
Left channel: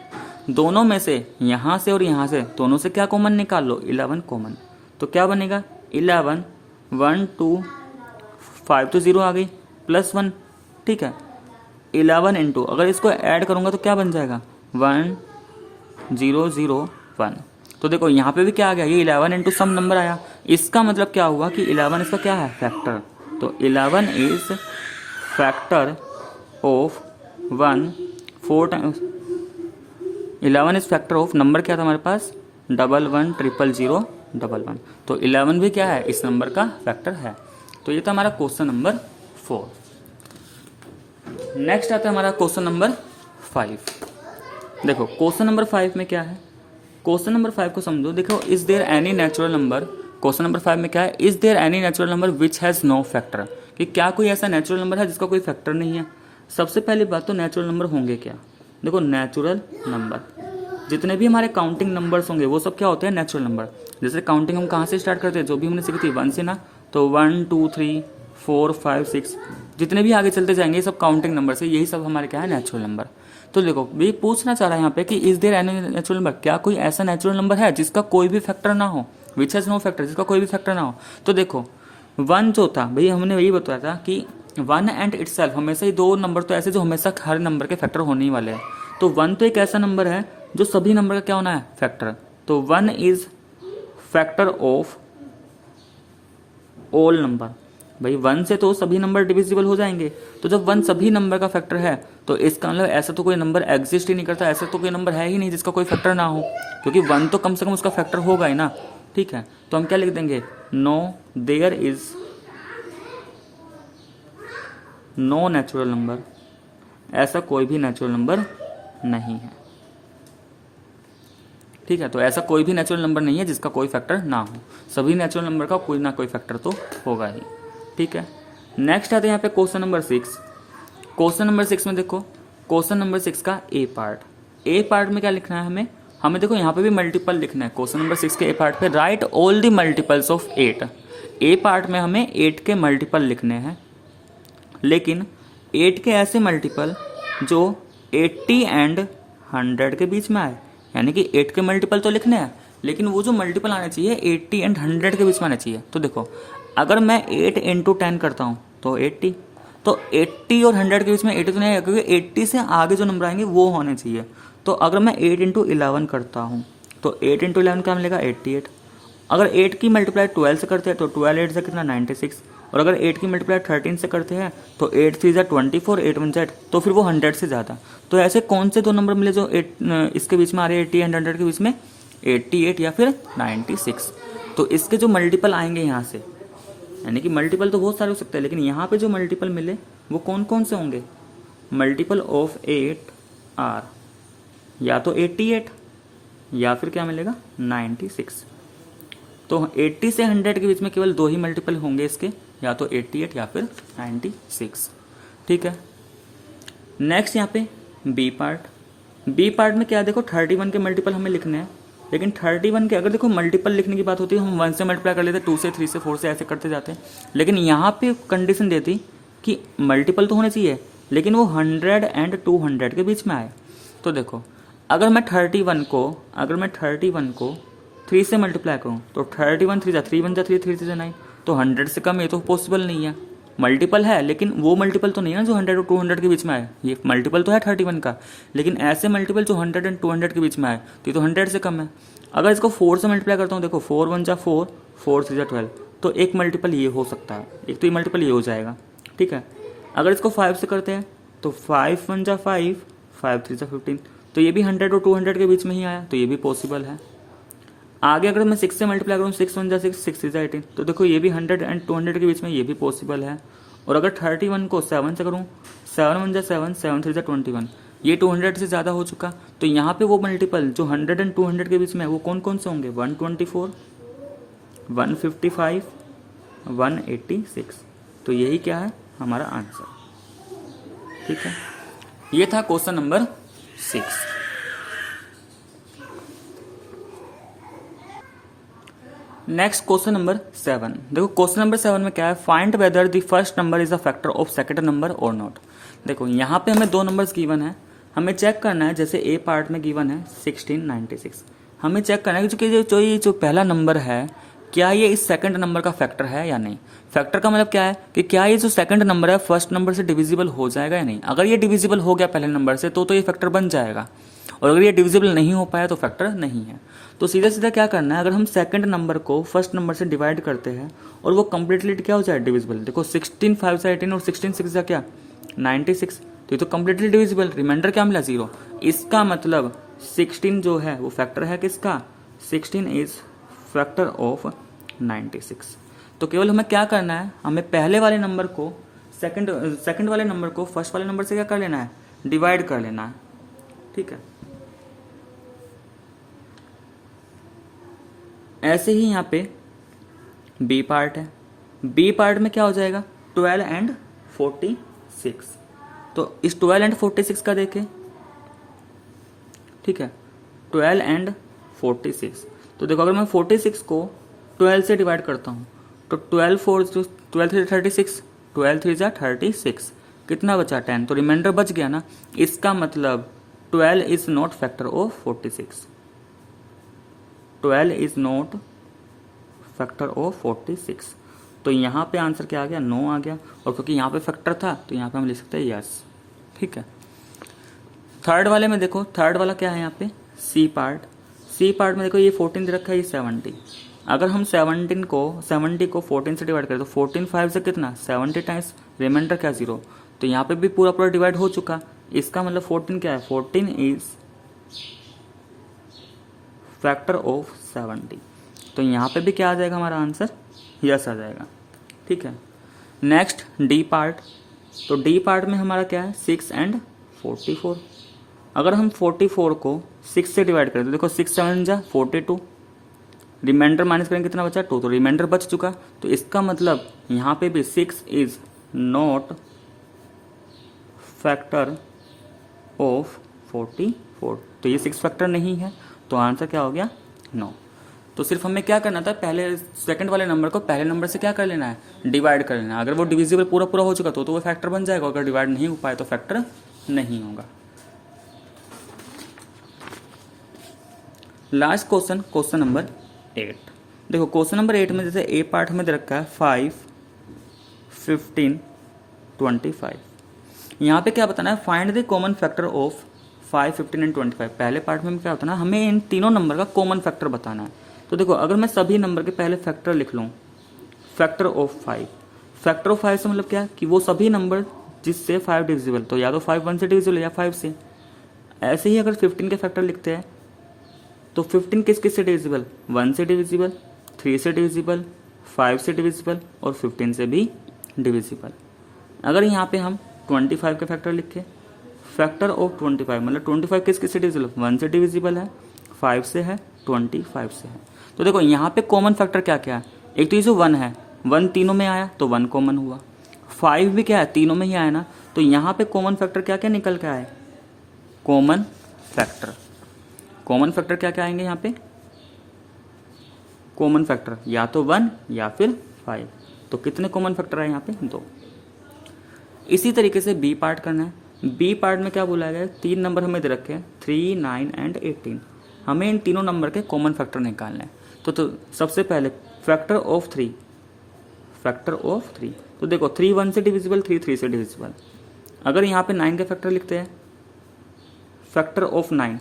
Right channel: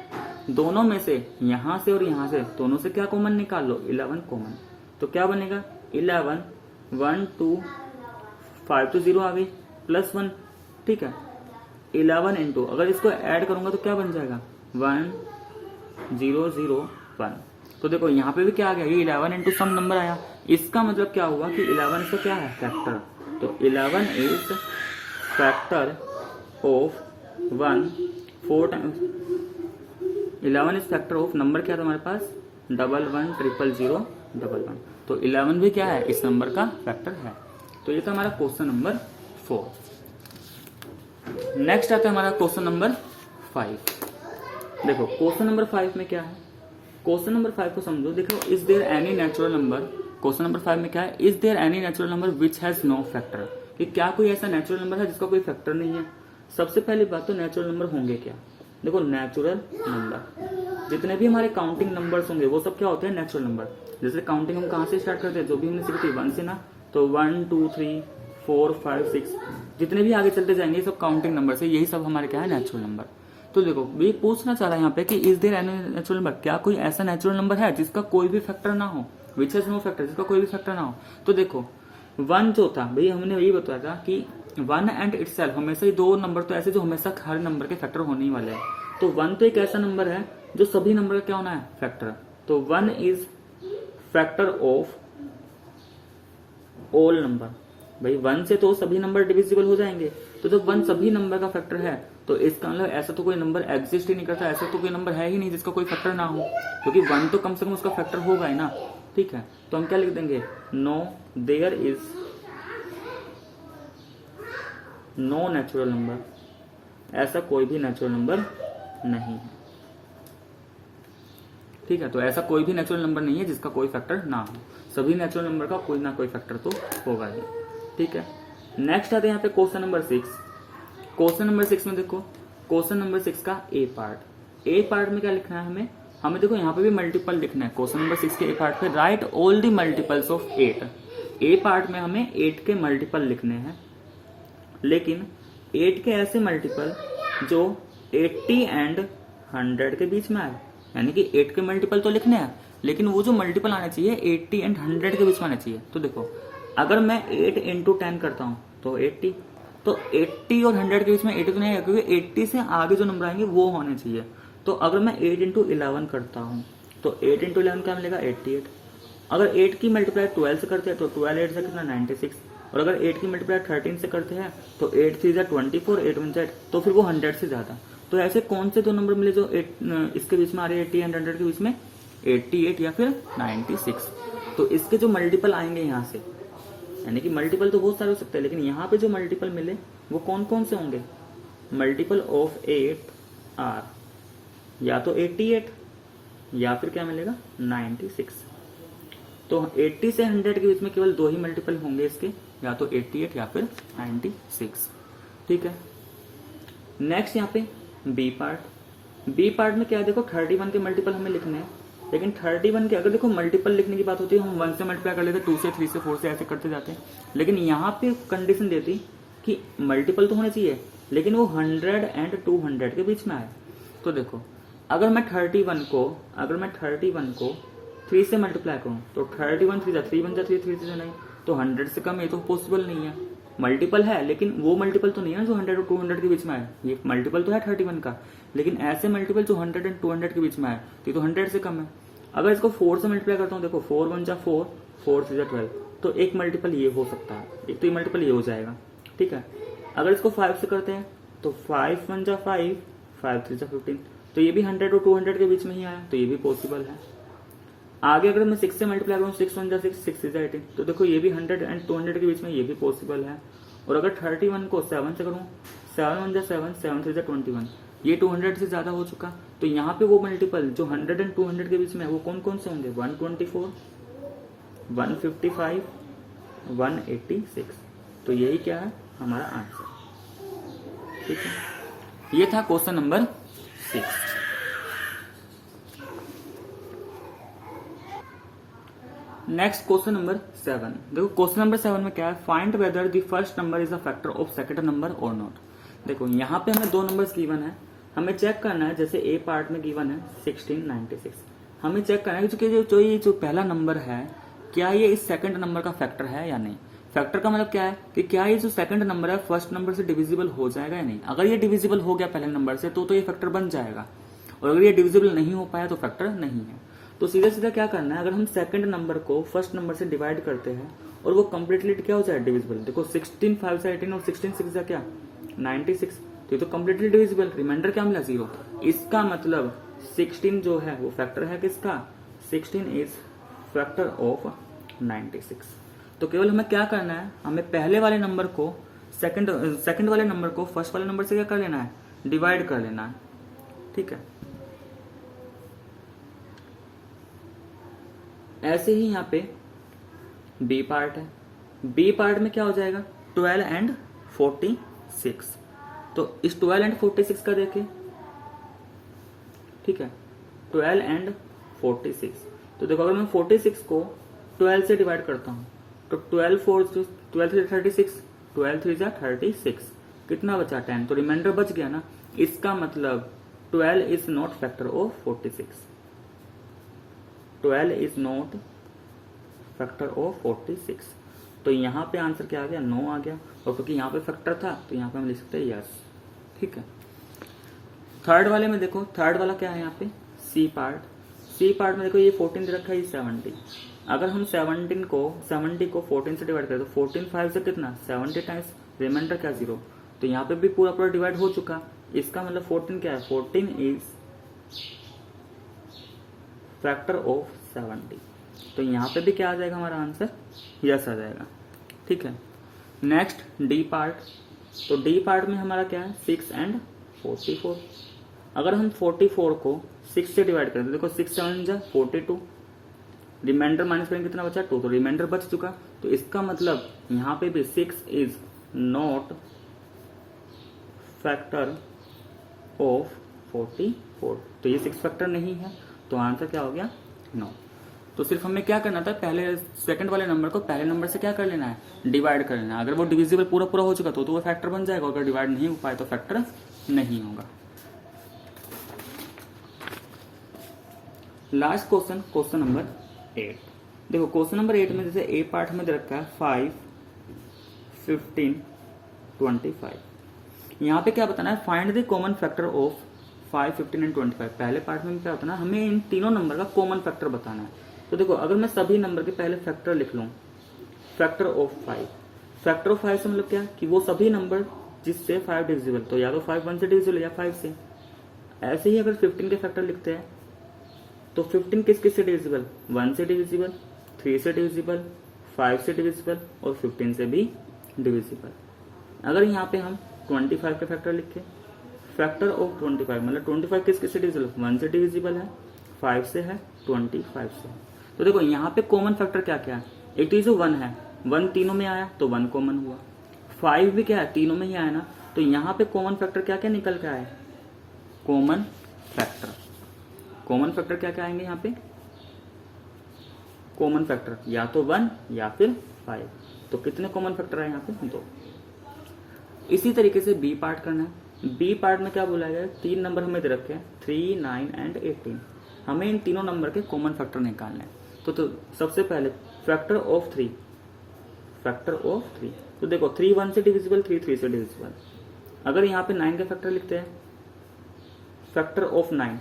दोनों में से यहाँ से और यहाँ से दोनों से क्या कॉमन निकाल लो 11 कॉमन, तो क्या बनेगा 11 1 2 5 तो 0 आ गई प्लस 1। ठीक है, 11 इंटू अगर इसको ऐड करूंगा तो क्या बन जाएगा 1 0 0 1। तो देखो यहाँ पे भी क्या आ गया, ये 11 इंटू सम नंबर आया। इसका मतलब क्या हुआ कि 11 इसका क्या है फैक्टर। तो 11 is factor of 1 4 times 11 is factor of number क्या था हमारे पास 11000011। तो 11 भी क्या है इस नंबर का फैक्टर है। तो ये था हमारा क्वेश्चन नंबर 4। नेक्स्ट आता है हमारा क्वेश्चन नंबर 5। देखो क्वेश्चन नंबर 5 में क्या है, क्वेश्चन नंबर 5 को समझो। देखो is there any natural number, question number 5 में क्या है, is there any natural number which has no factor, कि क्या कोई ऐसा नेचुरल नंबर है जिसका कोई फैक्टर नहीं है। सबसे पहली बात तो नेचुरल नंबर होंगे क्या, देखो नेचुरल नंबर जितने भी हमारे काउंटिंग नंबर्स होंगे वो सब क्या होते हैं, नेचुरल नंबर। जैसे काउंटिंग हम कहाँ से स्टार्ट करते हैं, जो भी हमने सीखी थी 1 से ना, तो 1 2 3 4 5 6 जितने भी आगे चलते जाएंगे सब काउंटिंग नंबर से, यही सब हमारे क्या है, नेचुरल नंबर। तो देखो ये पूछना चाह रहा है यहाँ पे कि is there any natural number, क्या कोई ऐसा नेचुरल नंबर है जिसका कोई भी फैक्टर ना हो, विच हैज नो फैक्टर, जिसका कोई भी फैक्टर ना हो। तो देखो 1 जो था भाई, हमने वही बताया था कि 1 एंड इटसेल्फ, हमेशा ही दो नंबर तो ऐसे जो हमेशा हर नंबर के फैक्टर होने ही वाले हैं। तो 1 तो एक ऐसा नंबर है जो सभी नंबर का क्या होना है, फैक्टर। तो 1 is factor of all number. भाई 1 से तो सभी नंबर डिविजिबल हो जाएंगे, तो जब 1 सभी नंबर का फैक्टर है तो इसका मतलब ऐसा तो कोई नंबर एग्जिस्ट ही नहीं करता, ऐसा तो कोई नंबर है ही नहीं जिसका कोई फैक्टर ना हो, क्योंकि 1 तो कम से कम उसका फैक्टर होगा ही ना। ठीक है, तो हम क्या लिख देंगे, no there is no natural number, ऐसा कोई भी नेचुरल नंबर नहीं है। ठीक है, तो ऐसा कोई भी नेचुरल नंबर नहीं है जिसका कोई फैक्टर ना हो, सभी नेचुरल नंबर का कोई ना कोई फैक्टर तो होगा ही। ठीक है, नेक्स्ट आते हैं यहाँ पे क्वेश्चन नंबर 6। क्वेश्चन नंबर 6 में देखो, क्वेश्चन नंबर 6 का ए पार्ट। ए पार्ट में क्या लिखना है हमें देखो यहाँ पे भी मल्टीपल लिखना है। क्वेश्चन नंबर 6 के ए पार्ट पे right all the multiples of 8। A part में हमें 8 के मल्टीपल लिखने हैं, लेकिन 8 के ऐसे मल्टीपल जो 80 एंड 100 के बीच में आए, यानी कि 8 के मल्टीपल तो लिखने हैं, लेकिन वो जो मल्टीपल आना चाहिए 80 एंड 100 के बीच में आना चाहिए। तो देखो अगर मैं 8 इंटू 10 करता हूँ तो 80, तो 80 और 100 के बीच में 80 तो नहीं आएगा, क्योंकि 80 से आगे जो नंबर आएंगे वो होने चाहिए। तो अगर मैं 8 इंटू 11 करता हूँ तो 8 इंटू 11 क्या मिलेगा, 88। अगर 8 की मल्टीप्लाई 12 से करते हैं तो 12 8 से कितना, 96। और अगर 8 की मल्टीप्लाई 13 से करते हैं तो 8 3 जा 24, 8 1 जा, तो फिर वो 100 से ज़्यादा। तो ऐसे कौन से दो नंबर मिले जो इसके बीच में आ रहे हैं, 80 एंड 100 के बीच में, 88 या फिर 96। तो इसके जो मल्टीपल आएंगे यहाँ से, यानी कि मल्टीपल तो बहुत सारे हो सकते हैं, लेकिन यहाँ पे जो मल्टीपल मिले वो कौन कौन से होंगे, मल्टीपल ऑफ 8 आर या तो 88 या फिर क्या मिलेगा, 96। तो 80 से 100 के बीच में केवल दो ही मल्टीपल होंगे इसके, या तो 88 या फिर 96। ठीक है, नेक्स्ट यहाँ पे बी पार्ट। बी पार्ट में क्या देखो 31 के मल्टीपल हमें लिखने हैं, लेकिन 31 के अगर देखो मल्टीपल लिखने की बात होती है हम 1 से मल्टीप्लाई कर लेते, 2 से 3 से 4 से ऐसे करते जाते हैं, लेकिन यहाँ पे कंडीशन देती कि मल्टीपल तो होने चाहिए लेकिन वो 100 एंड 200 के बीच में आए। तो देखो अगर मैं 31 को 3 से मल्टीप्लाई करूँ तो 31 3 जा 3 1 जा 3 3 जा 9, तो 100 से कम ये तो पॉसिबल नहीं है। मल्टीपल है लेकिन वो मल्टीपल तो नहीं है ना जो 100 और 200 के बीच में आए, ये मल्टीपल तो है 31 का, लेकिन ऐसे मल्टीपल जो 100 एंड 200 के बीच में आए तो ये तो 100 से कम है। अगर इसको 4 से मल्टीप्लाई करता हूँ, देखो 4 1 जा 4, 4 3 जा 12, तो एक मल्टीपल ये हो सकता है, एक तो ये मल्टीपल ये हो जाएगा। ठीक है, अगर इसको 5 से करते हैं तो 5 1 जा 5, 5 3 जा 15, तो ये भी 100 और 200 के बीच में ही आया, तो ये भी पॉसिबल है। आगे अगर मैं 6 से मल्टीप्लाई करूँ, 6 1 जा 6, 6 3 जा 18, तो देखो ये भी 100 एंड 200 के बीच में ये भी पॉसिबल है। और अगर 31 को 7 से करूँ, 7 1 जा 7, 7 3 जा 21, ये 200 से ज़्यादा हो चुका। तो यहाँ पे वो मल्टीपल जो 100 एंड 200 के बीच में वो कौन कौन से होंगे, 124, 155, 186। तो यही क्या है हमारा आंसर। ठीक है, ये था question number 6। Next question number 7। देखो क्वेश्चन नंबर 7 में क्या है, find whether the first number is a factor of second number और नॉट। देखो यहाँ पे हमें दो नंबर्स गिवन है, हमें चेक करना है। जैसे ए पार्ट में गिवन है 1696, हमें चेक करना है कि जो पहला नंबर है क्या ये इस सेकंड नंबर का फैक्टर है या नहीं। फैक्टर का मतलब क्या है कि क्या ये जो सेकंड नंबर है फर्स्ट नंबर से डिविजिबल हो जाएगा या नहीं। अगर ये डिविजिबल हो गया पहले नंबर से तो ये फैक्टर बन जाएगा, और अगर ये डिविजिबल नहीं हो पाया तो फैक्टर नहीं है। तो सीधा सीधा क्या करना है, अगर हम सेकंड नंबर को फर्स्ट नंबर से डिवाइड करते हैं और वो कंप्लीटली क्या हो जाए, डिविजिबल। देखो 16 5 से 18 और 16 6 जा क्या 96, तो ये तो कंप्लीटली डिविजिबल। रिमाइंडर क्या मिला, 0। इसका मतलब 16 जो है वो फैक्टर है किसका, 16 इज फैक्टर ऑफ 96। तो केवल हमें क्या करना है, हमें पहले वाले नंबर को सेकंड वाले नंबर को फर्स्ट वाले नंबर से क्या कर लेना है, डिवाइड कर लेना है। ठीक है, ऐसे ही यहाँ पे बी पार्ट है। बी पार्ट में क्या हो जाएगा, 12 एंड 46। तो इस 12 एंड 46 का देखें, ठीक है, 12 एंड 46। तो देखो अगर मैं 46 को 12 से डिवाइड करता हूँ तो 12 4 12 3 36, 12 3 जा 36, कितना बचा 10, तो रिमाइंडर बच गया ना। इसका मतलब 12 is not factor of 46, 12 is not factor of 46। तो यहाँ पे आंसर क्या आ गया, 9 आ गया। और क्योंकि यहाँ पे फैक्टर था तो यहाँ पे हम लिख सकते हैं यस। ठीक है, थर्ड वाले में देखो, थर्ड वाला क्या है यहाँ पे, सी पार्ट। सी पार्ट में देखो ये 14 दे रखा है, ये 70। अगर हम 70 को 14 से डिवाइड करें तो 14 5 से कितना 70 टाइम्स, रिमाइंडर क्या 0। तो यहाँ पे भी पूरा पूरा डिवाइड हो चुका। इसका मतलब 14 क्या है, 14 इज फैक्टर ऑफ 70। तो यहाँ पे भी क्या आ जाएगा हमारा आंसर, यस आ जाएगा। ठीक है, नेक्स्ट डी पार्ट। तो डी पार्ट में हमारा क्या है 6 एंड 44। अगर हम 44 को 6 से डिवाइड करें तो देखो 6 7 जा 42, रिमाइंडर माइनस करेंगे कितना बचा 2, तो रिमाइंडर बच चुका। तो इसका मतलब यहाँ पे भी 6 इज नॉट फैक्टर ऑफ 44। तो ये 6 फैक्टर नहीं है, तो आंसर क्या हो गया 9। तो सिर्फ हमें क्या करना था, पहले सेकंड वाले नंबर को पहले नंबर से क्या कर लेना है, डिवाइड कर लेना है। अगर वो डिविजिबल पूरा पूरा हो चुका तो वो फैक्टर बन जाएगा, अगर डिवाइड नहीं हो पाए तो फैक्टर नहीं होगा। Last question, question number 8। देखो क्वेश्चन नंबर 8 में जैसे ए पार्ट में दे रखा है 5 15 25। यहाँ पे क्या बताना है, find the common factor of 5 15 and 25। पहले पार्ट में क्या होता है ना, हमें इन तीनों नंबर का कॉमन फैक्टर बताना है। तो देखो अगर मैं सभी नंबर के पहले फैक्टर लिख लूँ, फैक्टर ऑफ 5, फैक्टर ऑफ 5 से मतलब क्या कि वो सभी नंबर जिससे 5 डिविजिबल, तो या तो 5 1 से डिविजिबल या 5 से। ऐसे ही अगर 15 के फैक्टर लिखते हैं तो 15 किस किस से डिविजिबल, 1 से डिविजिबल, 3 से डिविजिबल, 5 से डिविजिबल और 15 से भी डिविजिबल। अगर यहाँ पे हम 25 के फैक्टर लिखे, फैक्टर ऑफ 25 मतलब 25 किस किस से डिविजिबल, 1 से डिविजिबल है, 5 से है, 25 से है। तो देखो यहाँ पे कॉमन फैक्टर क्या क्या है, एक तो ये जो 1 है, 1 तीनों में आया तो 1 कॉमन हुआ, 5 भी क्या है तीनों में ही आया ना। तो यहाँ पे कॉमन फैक्टर क्या क्या निकल के आए, कॉमन फैक्टर। कॉमन फैक्टर क्या क्या आएंगे यहाँ पे, कॉमन फैक्टर या तो 1 या फिर 5। तो कितने कॉमन फैक्टर है यहाँ पे, 2। इसी तरीके से बी पार्ट करना है। बी पार्ट में क्या बोला गया, 3 नंबर हमें दे रखे हैं 3 9 एंड 18। हमें इन तीनों नंबर के कॉमन फैक्टर निकालना है। तो सबसे पहले फैक्टर ऑफ 3, फैक्टर ऑफ 3। तो देखो 3 1 से डिविजिबल, 3 3 से डिविजिबल। अगर यहाँ पे 9 के फैक्टर लिखते हैं, फैक्टर ऑफ 9,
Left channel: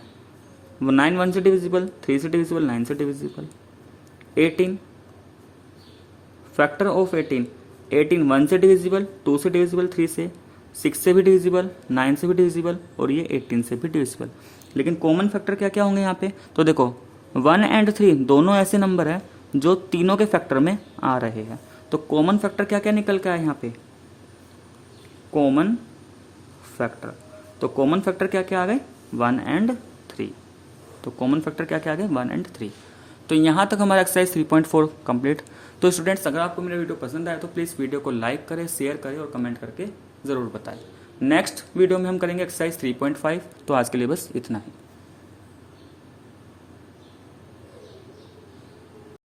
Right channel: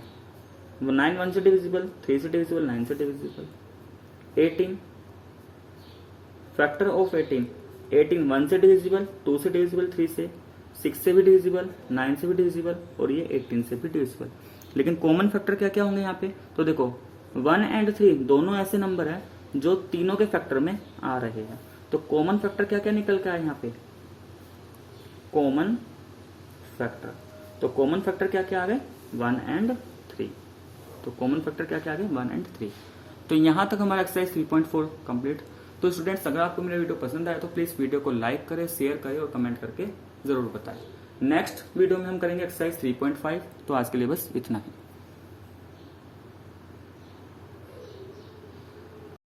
9 1 से डिविजिबल, 3 से डिविजिबल, 9 से डिविजिबल। 18, फैक्टर ऑफ 18, 18 1 से डिविजिबल, 2 से डिविजिबल, 3 से, 6 से भी डिविजिबल, 9 से भी डिविजिबल और ये 18 से भी डिविजिबल। लेकिन कॉमन फैक्टर क्या क्या होंगे यहाँ पे, तो देखो 1 एंड 3 दोनों ऐसे नंबर हैं जो तीनों के फैक्टर में आ रहे हैं। तो कॉमन फैक्टर क्या क्या निकल के आए यहाँ पे, कॉमन फैक्टर। तो कॉमन फैक्टर क्या क्या आ गए, 1 एंड 3। तो कॉमन फैक्टर क्या क्या आ गए, 1 एंड 3। तो यहाँ तक हमारा एक्सरसाइज 3.4 कंप्लीट। तो स्टूडेंट्स अगर आपको मेरा वीडियो पसंद आए तो प्लीज़ वीडियो को लाइक करें, शेयर करें और कमेंट करके ज़रूर बताएं। नेक्स्ट वीडियो में हम करेंगे एक्सरसाइज 3.5। तो आज के लिए बस इतना ही।